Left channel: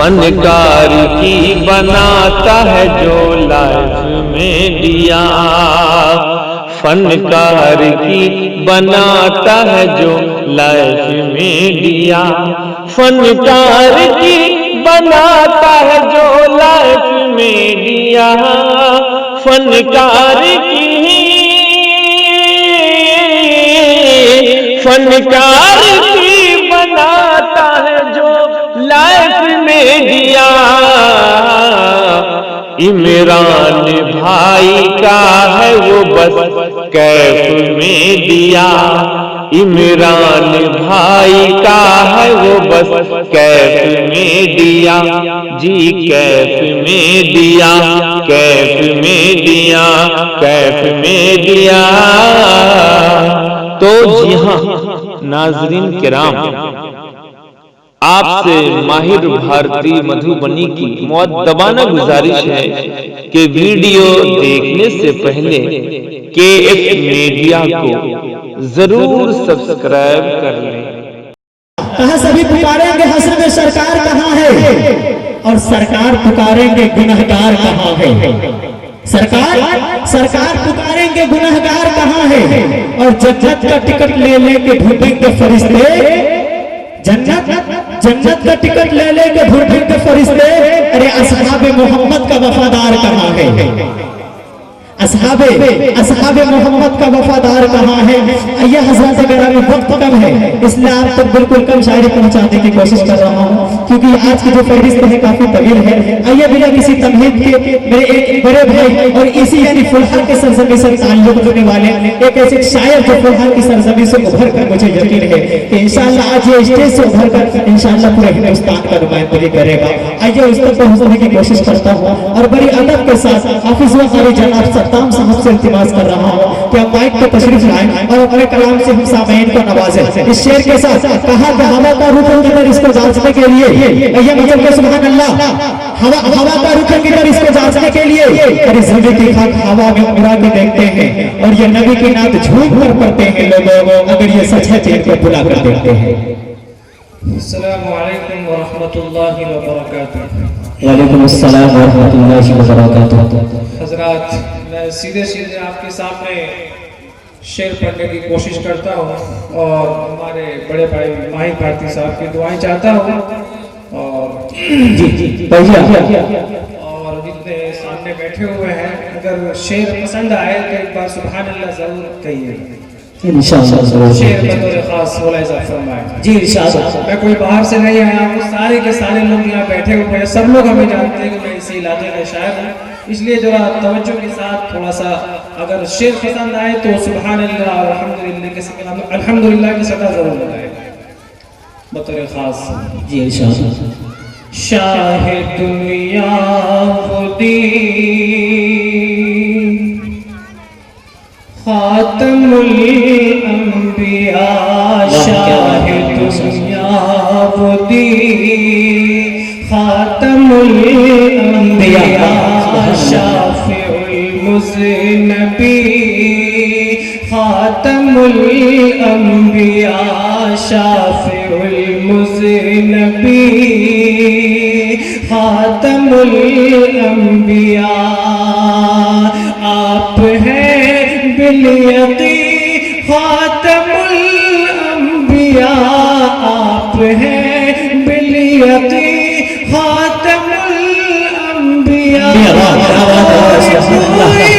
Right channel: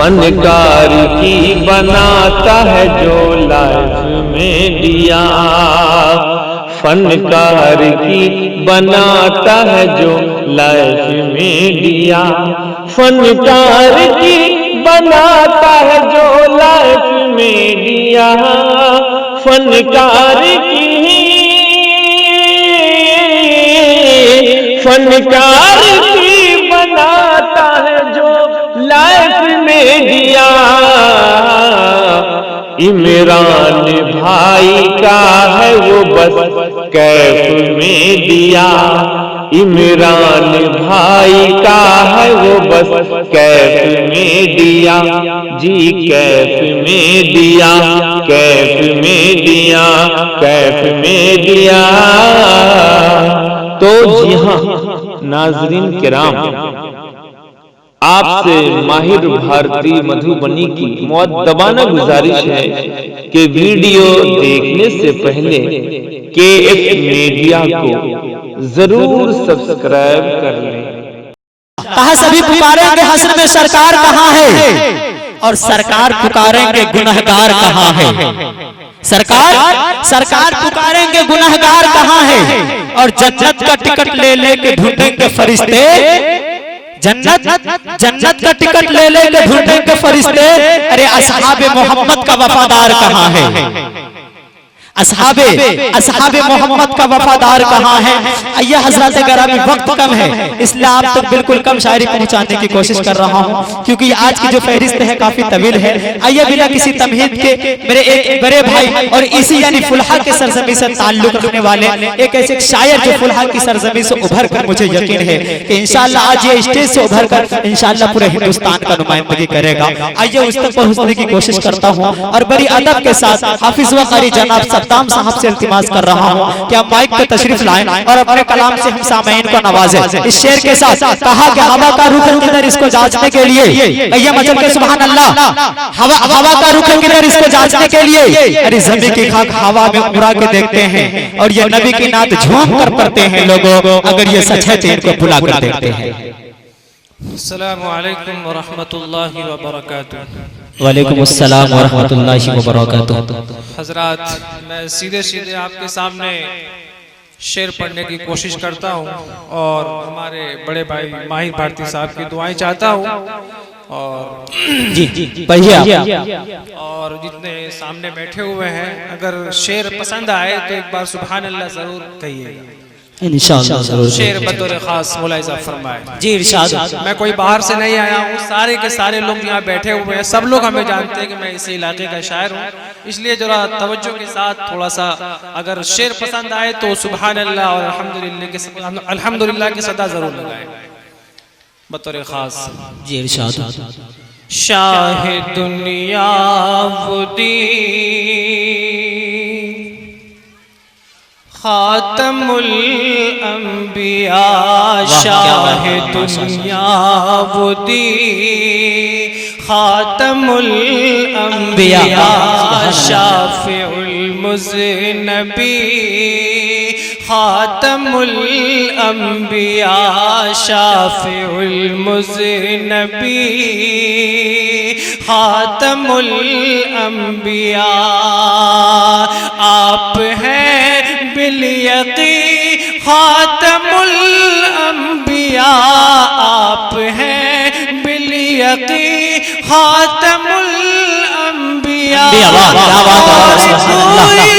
فنکار کی بناتا ہے جو لائف میڈیا، فنکار کی بناتا ہے جو لائف میڈیا، فنکار کی بناتا ہے جو لائف میڈیا، فنکار کی بناتا ہے جو لائف میڈیا۔ عمران بھائی کا ہے وہ بس کیف میڈیا، عمران بھائی کا ہے وہ بس کیف میڈیا، جی کیف میڈیا، کیف میڈیا، کیف میڈیا۔ تو جی ہاں ناظرین کرام، آپ سے ماہر بھارتی مدھوبنی کی مؤدبانہ گزارش ہے کہ ویڈیو دیکھنے سے پہلے KF میڈیا کو ضرور سبسکرائب کر لیں۔ کہاں سبھی پکاریں گے حشر میں سرکار کہاں ہے، اور سرکار پکاریں گے گنہگار کہاں ہے، سرکار پکاریں گے گنہگار کہاں ہے، اور جنت کا ٹکٹ لے لے کے ڈھونڈیں گے فرشتے، جنت کا ٹکٹ لے لے کے ڈھونڈیں گے فرشتے، ارے اصحاب محمد کا وفادار کہاں ہے، اصحاب محمد کا وفادار کہاں ہے۔ یہ حضرات گرامی وقت کم ہے، اس لیے آپ تک بالکل کم شاعری پہنچانے کی کوشش کر رہا ہوں، کیونکہ آج کی جو فہرست ہے کافی طویل ہے۔ آئیے بنا کسی تمہید کے میرے ایک بڑے بھائی اور اسی یعنی فلحہ کے سرزمین سے تعلق رکھنے والے ایک ایسے شاعر جو فلحہ کی سرزمین سے ابھر کر مجھے یقین ہے کہ انشاءاللہ آج یہ اسٹیج سے ابھر کر انشاءاللہ پورے ہندوستان کا نمائندگی کرے گا۔ آئیے اس تک پہنچنے کی کوشش کرتا ہوں اور بڑی ادب کے ساتھ حافظ و قاری جناب ستام صاحب سے التماس کر رہا ہوں کہ آپ مائک پہ تشریف لائیں اور اپنے کلام سے ہم سامعین کو نوازیں۔ اس شعر کے ساتھ کہا کہ ہوا کا رخ کدھر اس کو جانچنے کے لیے، یہ مجھے سبحان اللہ، ہوا کا رخ کدھر اس کو جانچنے کے لیے، ارے زمین کی خاک ہوا میں اڑا کے دیکھتے ہیں اور یہ نبی کی نعت جھوم کر پڑھتے ہیں لوگوں، اگر یہ سچ ہے تو ان کو بلا کر دیکھتے ہیں۔ السلام علیکم ورحمۃ اللہ وبرکاتہ۔ وعلیکم السلام ورحمۃ اللہ وبرکاتہ۔ حضرات، میں سیدھے آپ کے سامنے شعر پڑھنے کی کوشش کرتا ہوں اور ہمارے بڑے بھائی ماہر بھارتی صاحب کی دعائیں چاہتا ہوں، اور اور جتنے سامنے بیٹھے ہوئے ہیں اگر شعر پسند آئے تو ایک بار سبحان اللہ ضرور کہیے، شعر بطور خاص ملاحظہ فرمائے۔ جی انشاءاللہ۔ میں کوئی باہر سے نہیں آیا ہوں، سارے کے سارے لوگ یہاں بیٹھے ہوئے ہیں، سب لوگ ہمیں جانتے ہیں کہ میں اسی علاقے کا شاعر ہوں، اس لیے ذرا توجہ کے ساتھ تھوڑا سا اگر شعر پسند آئے تو سبحان اللہ اور الحمدللہ کی صدا ضرور لگائے بطور خاص۔ جی انشاءاللہ۔ شاہ دنیا خودی خاتم الانبیاء، شاہ دنیا خودی خاتم الانبیاء، شافع المذنبی خاتم الانبیاء، شافع المذنبی خاتم الانبیاء، آپ ہیں بالیقین خاتم الانبیاء، آپ ہیں بالیقین خاتم الانبیاء، کوئی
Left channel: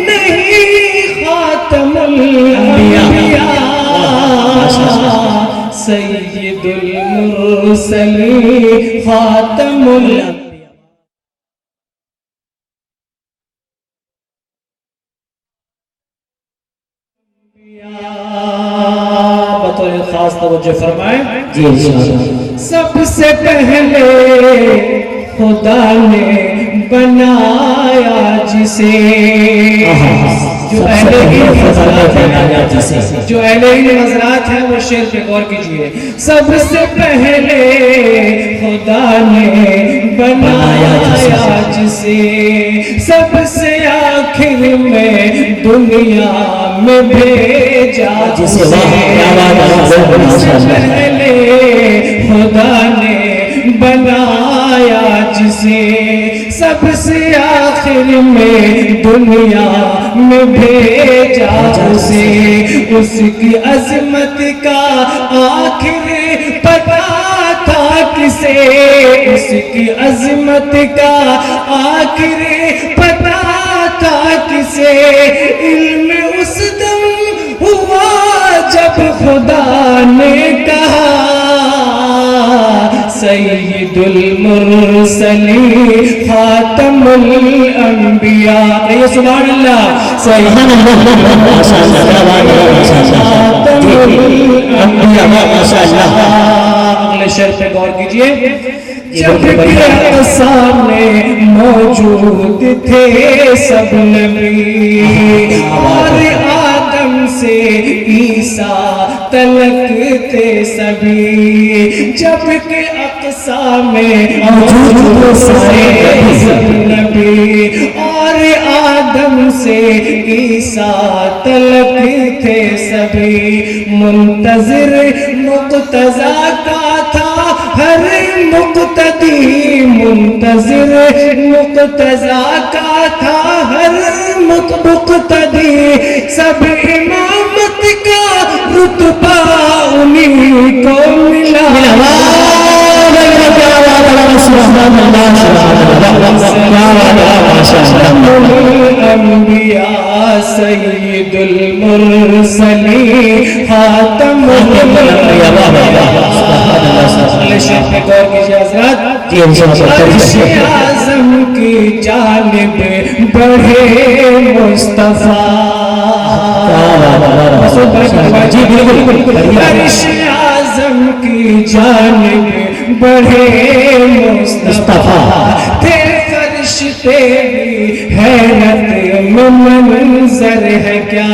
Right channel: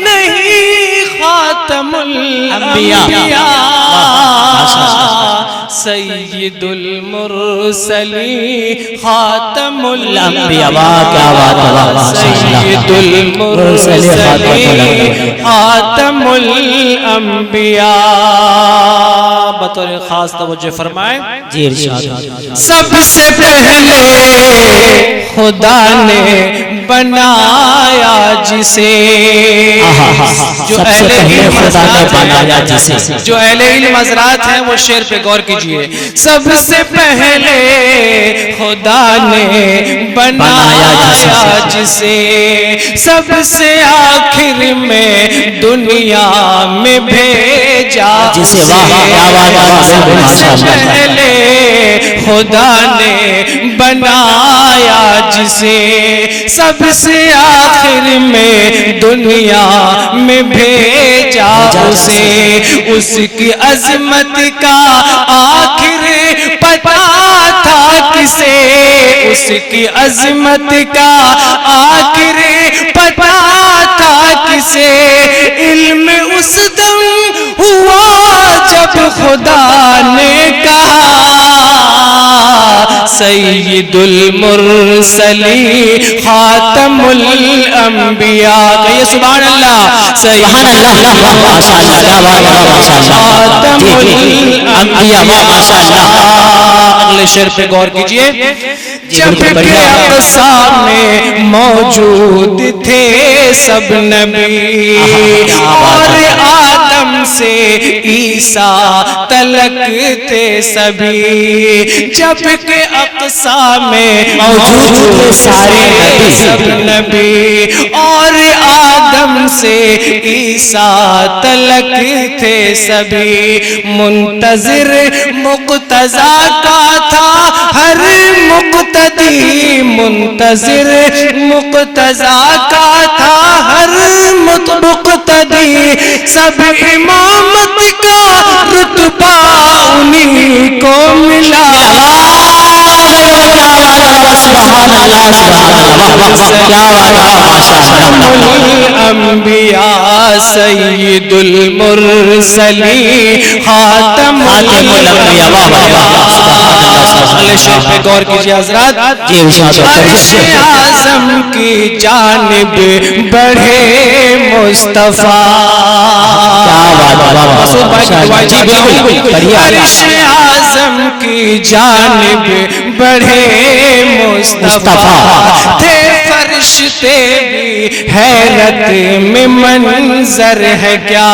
نہیں خاتم الانبیاء، سید المرسلین خاتم الانبیاء، سید المرسلین خاتم الانبیاء، بطور خاص توجہ فرمائیں۔ جی انشاءاللہ۔ سب سے پہلے خدا نے بنایا جسے، جو اہل علم حضرات ہیں وہ شعر پہ غور کیجئے۔ سب سے پہلے خدا نے بنایا جسے، سب سے آخر میں دنیا میں بھیجا جسے، سب سے پہلے خدا نے بنایا کسے سب سے آخر میں دنیا میں بھیجا اسے، اس کی عظمت کا آخر پتا تھا کسے، اس کی عظمت کا آخر پتا تھا کسے، علم اس دم ہوا جب خدا نے کہا سید المرسلین خاتم الانبیاء، کہیے سبحان اللہ، سبحان اللہ، ماشاء اللہ۔ اگلے شعر پہ غور کیجئے، جب کہ اقصیٰ میں موجود تھے سب نبی اور آدم سے عیسیٰ تلک تھے سبھی، جب کہ اقصیٰ میں موجود سارے سب نبی اور آدم سے عیسیٰ تلک تھے سبھی، منتظر مقتضیٰ کا تھا ہر مقتدی، منتظر مقتضیٰ کا تھا ہر مقتدی، سب امامت کا رتبہ انہیں کو ملا، سبحان اللہ، الانبیاء سید المرسلین خاتم الانبیاء۔ اگلے شعر پہ غور کیجئے حضرات، عرش اعظم کی جانب بڑھے مصطفیٰ، عرش اعظم کی جانب بڑھے مصطفیٰ، تھے فرشتے بھی حیرت میں منظر ہے کیا،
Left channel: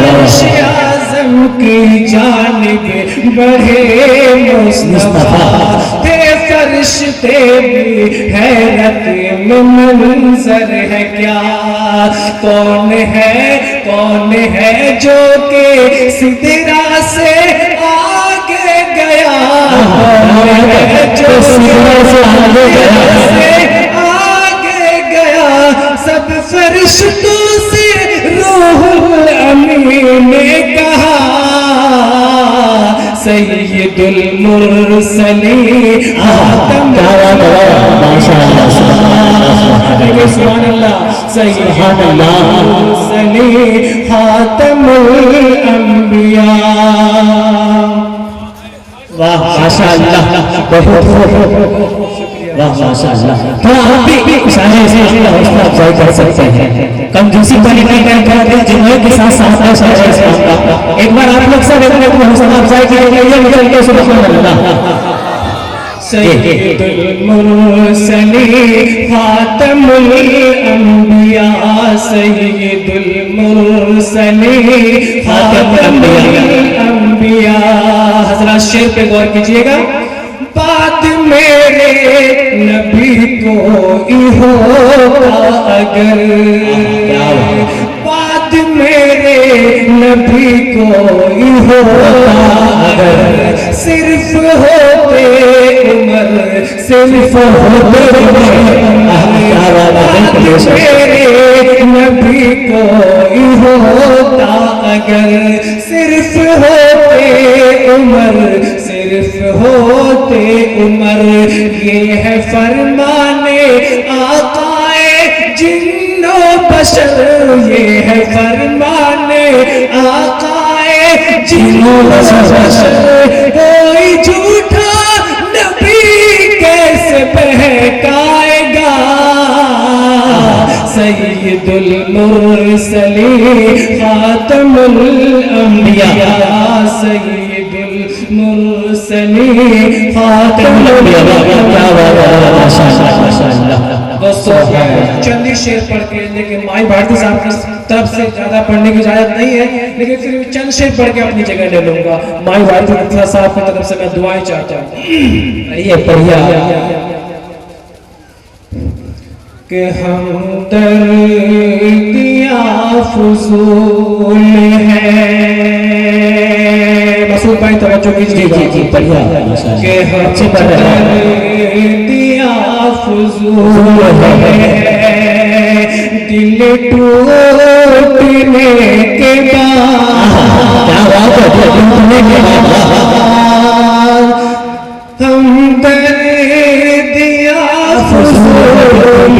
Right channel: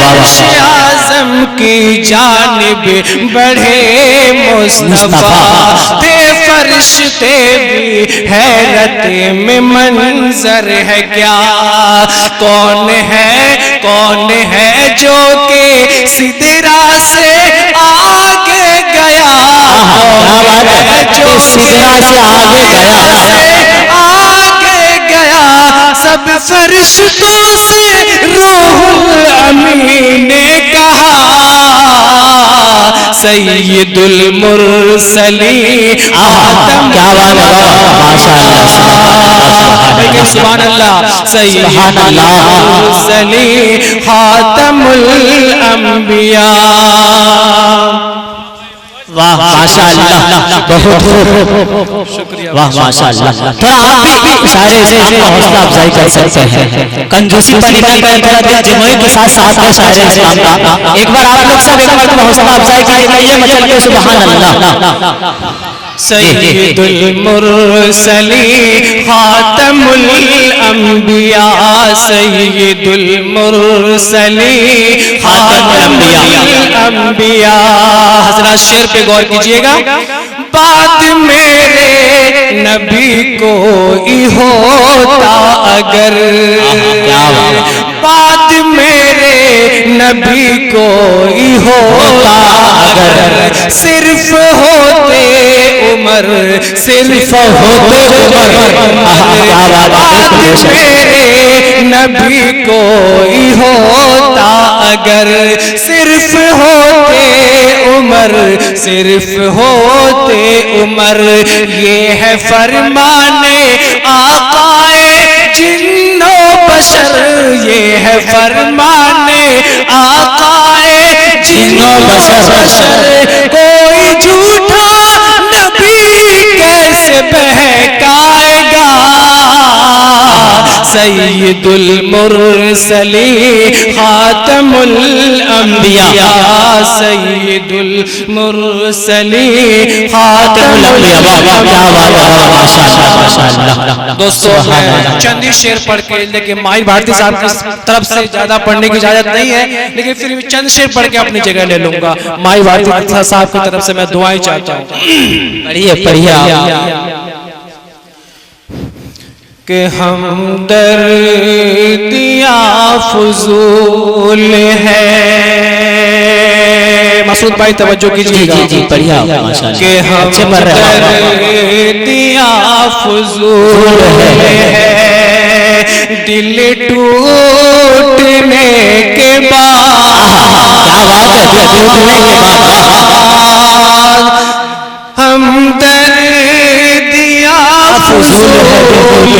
عرش اعظم کی جانب بڑھے مصطفیٰ، تھے فرشتے بھی حیرت میں منظر ہے کیا، کون ہے جو کہ سدرا سے آگے گیا، کون ہے جو سدرا سے آگے گیا، سب فرشتوں سے روح الامین نے کہا سید المرسلین خاتم، سبحان اللہ، سید المرسلین خاتم الانبیاء۔ واہ ماشاء اللہ، بہت شکریہ، واہ ماشاء اللہ۔ تو آپ بھی اشارے سے حوصلہ افزائی کر سکتے ہیں، کنجوسی پڑی نہیں کرتے ہیں، جنوئی کے ساتھ ساتھ اشارے سے ایک بار آپ لوگ سب ایک بار حوصلہ افزائی کریں گے، یہ مطلب کہ سبحان اللہ۔ سید المرسلین خاتم الانبیاء، سید المرسلین خاتم الانبیاء۔ حضرات شعر پہ غور کیجئے گا، بات میرے نبی کو ہی ہوتا اگر، بات میرے نبی کو ہی ہوتا اگر، صرف ہوتے عمر، صرف ہوتے عمر، بات میرے نبی کو ہی ہوتا اگر، صرف ہوتے عمر، صرف ہوتے عمر، یہ ہے فرمانے آقائے جن و بشر، یہ ہے فرمانے آقائے جن و بشر، کوئی جھوٹا نبی کیسے بہکائے گا، سید المرسلین خاتم الانبیاء، سید المرسلین خاتم الانبیاء۔ دوستو میں چند ہی شعر پڑھ کے، لیکن مائی بھارتی صاحب کی طرف سے زیادہ پڑھنے کی اجازت نہیں ہے، لیکن پھر بھی چند شعر پڑھ کے اپنی جگہ لے لوں گا۔ مائی بھارتی صاحب کی طرف سے میں دعائیں چاہتا ہوں، پڑھیے کہ ہمدردیاں فضول ہے، مسعود بھائی توجہ کیجیے گا، کہ ہمدردیاں فضول ہے، دل ٹوٹنے کے بعد ہم درد یا فضول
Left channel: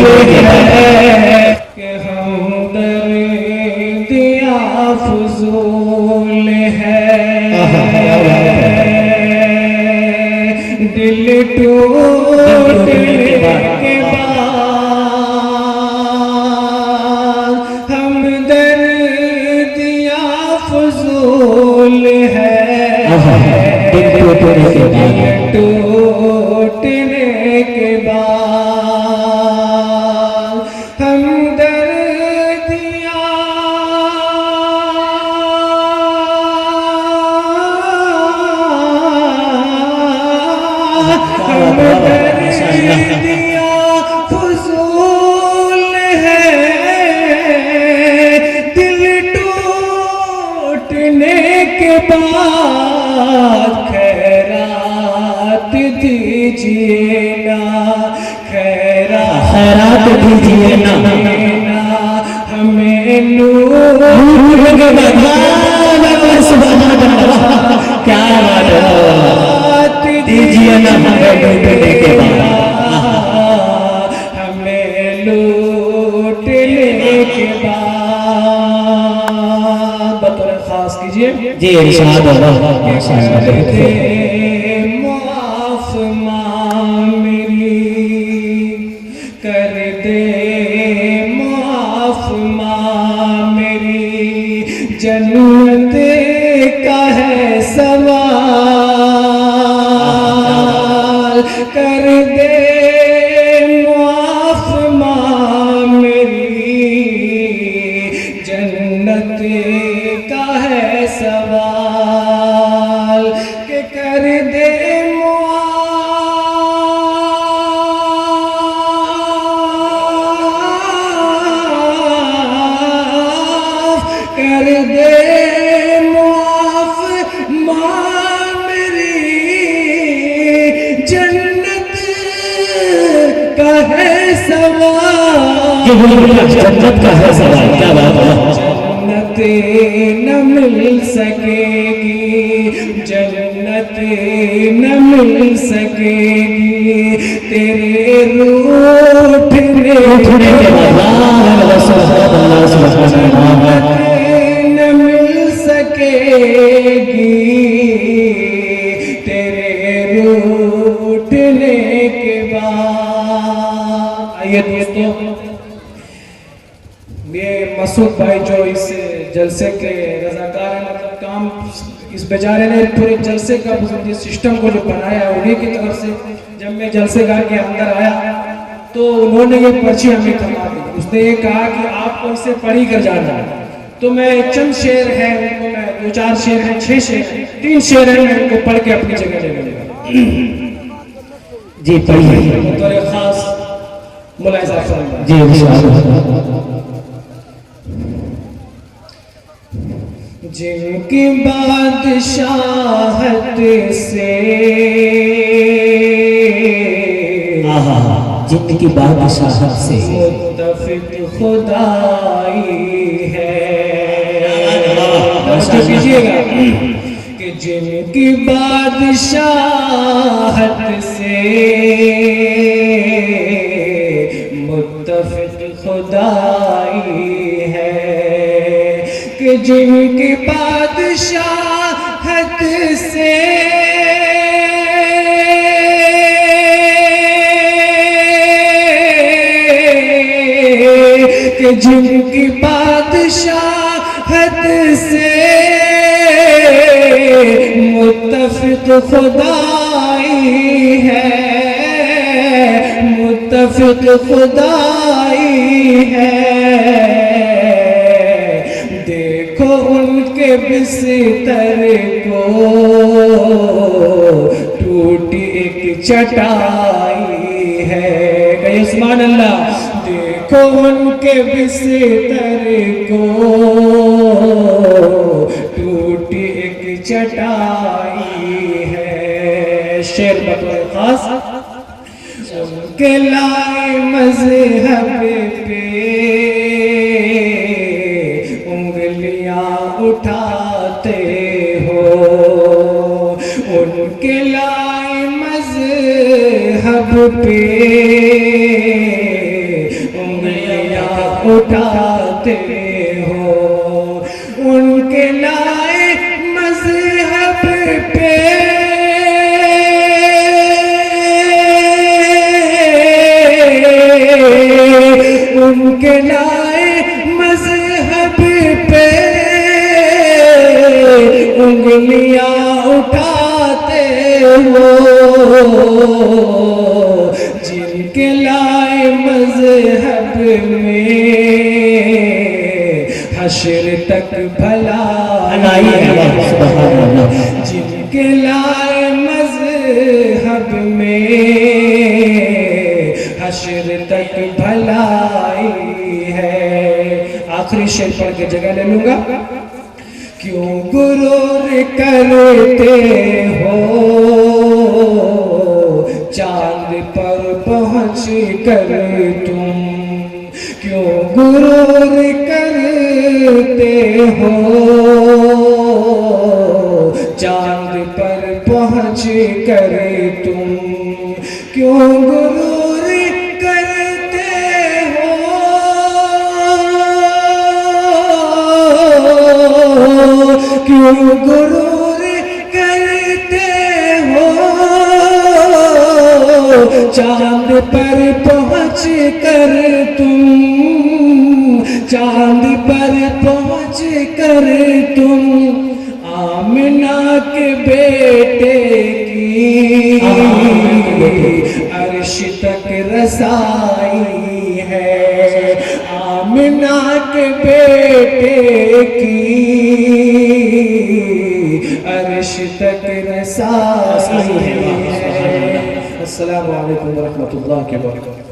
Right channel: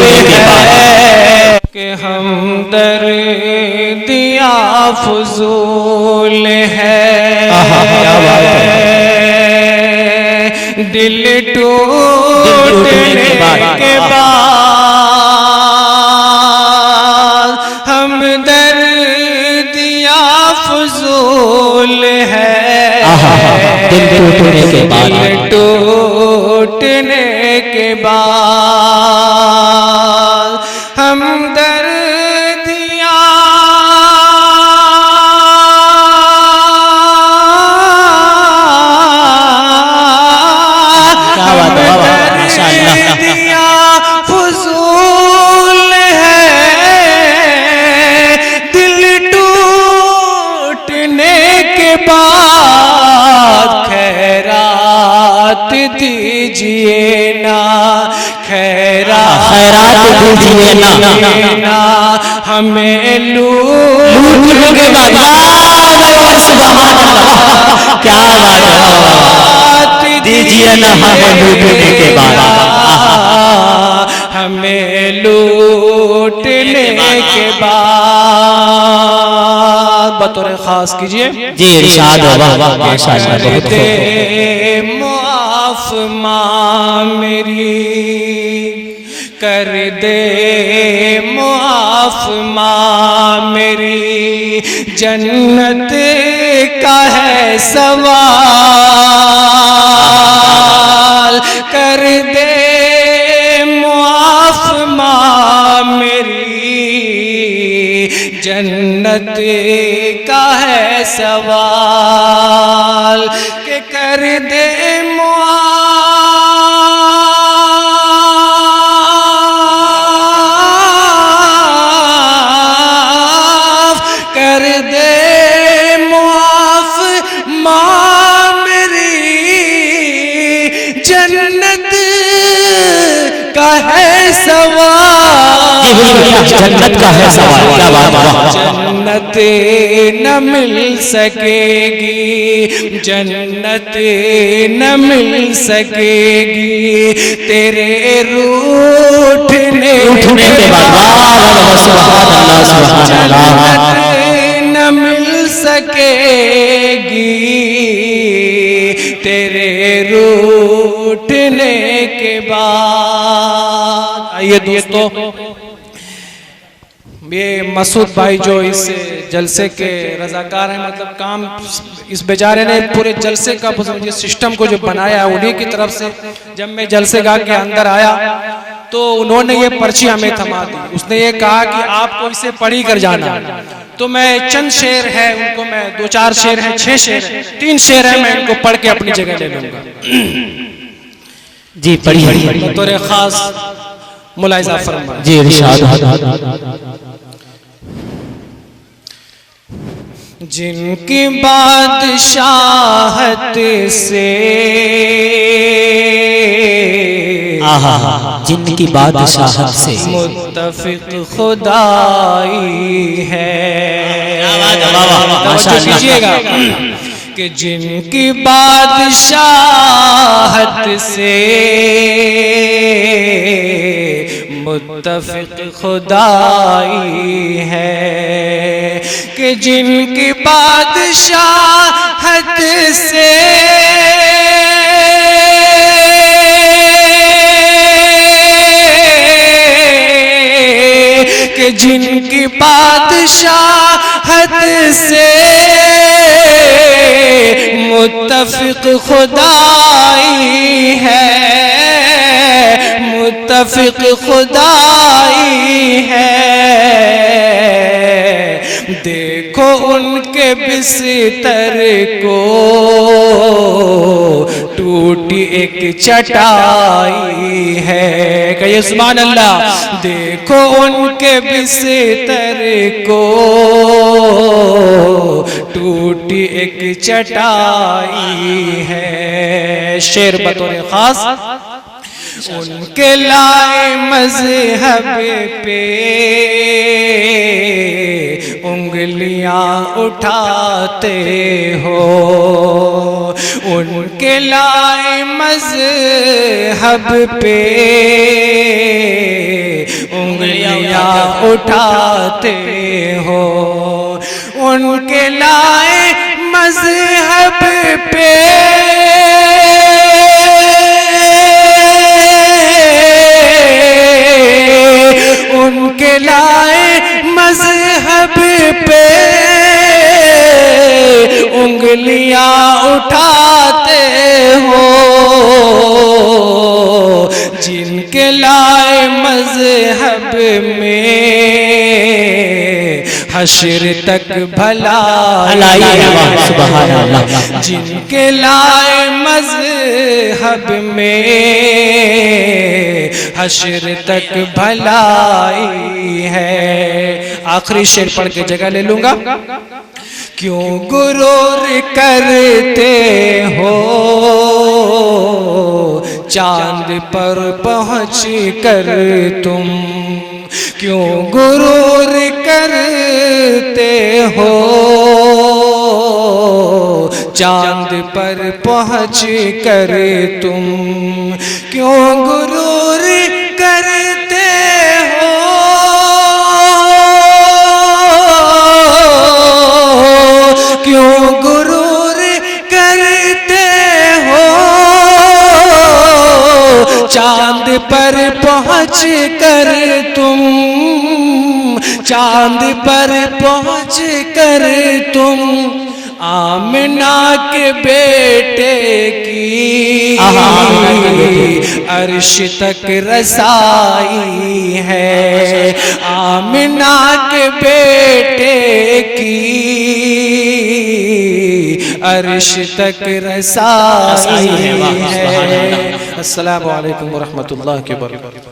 ہے، کہ ہم درد یا فضول ہے، دل ٹوٹنے کے بعد ہم درد یا فضول ہے، دل ٹوٹنے کے بعد ہم درد یا فضول ہے، دل ٹوٹنے کے بعد خیرات دیجئے نا، خیرات دیجئے نا، ہمیں لوٹنے کے بعد کیا دیجئے نا، ہمیں لوٹنے کے بعد، ہمیں لوٹنے کے بعد بطور خاص کیجئے جی ارشاد دے معاف ماں میری، کر دے معاف ماں میری، جنت کا ہے سوال، کر دے معاف ماں میری، جنت کا ہے سوال، کہ کر دے معاف، کر دے معاف ماں میری، جنت کا ہے سوال، جنت کا ہے سوال، کیا بات ہے، جنت نہ مل سکے گی، جنت نہ مل سکے گی تیرے روٹھنے کے بعد، جنت نہ مل سکے گی تیرے روٹھنے کے بعد۔ آئیے دوستو، یہ مسعود بھائی جو اس جلسے کے رضاکار ہیں، مطلب کام اس بیچارے نے پورے جلسے کا سسٹم کو جو بنایا انہی کی طرف سے، جب میں جلسے گاہ کے اندر آیا تو انہوں نے یہ پرچی ہمیں تھما دی، اس نے یہ کہا کہ آپ کو اسے پڑھی کر جانا، تو میں چند شعر ہیں ان کو میں 2-4 شعر ہیں، 6 شعر ہیں، 3 شعر ہیں، میں ان کو پڑھ کے اپنی جگہ لے لوں گا۔ جی پڑھی بطور خاص ملاحظہ فرمائیں۔ جی ارشاد۔ جن کی بادشاہت سے، جن کی بادشاہت سے متفق خدائی ہے، ماشاء اللہ، کیجئے گا کہ جن کی بادشاہت سے متفق خدائی ہے، کہ جن کی بادشاہت سے جن کی بادشاہت سے متفق خدائی ہے، متفق خدائی ہے، دیکھو ان کے بستر کو ٹوٹی ایک چٹائی ہے، کہیے سبحان اللہ، دیکھو ان کے بستر کو ٹوٹی ایک چٹائی ہے۔ شعر بطور خاص، ان کے لائے مذہب پہ انگلیاں اٹھاتے ہو، ان کے لائے مذہب پہ انگلیاں اٹھاتے ہو، ان کے لائے مذہب پہ ان کے لائے مذہب پہ انگلیاں اٹھاتے ہو، جن کے لائے مذہب میں حشر تک بھلائی ہے، جن کے لائے مذہب میں حشر تک بھلائی ہے۔ آخری شعر پڑھ کے جگہ لے لوں گا۔ کیوں غرور کرتے ہو چاند پر پہنچ کر تم، کیوں غرور کرتے ہو چاند پر پہنچ کر تم، کیوں غرور کرتے ہو، کیوں غرور کرتے ہو چاند پر پہنچ کر تم، چاند پر پہنچ کر تم آمنہ کے بیٹے کی عرش تک رسائی ہے، آمنہ کے بیٹے کی عرش تک رسائی ہے۔ السلام علیکم ورحمۃ اللہ وبرکاتہ۔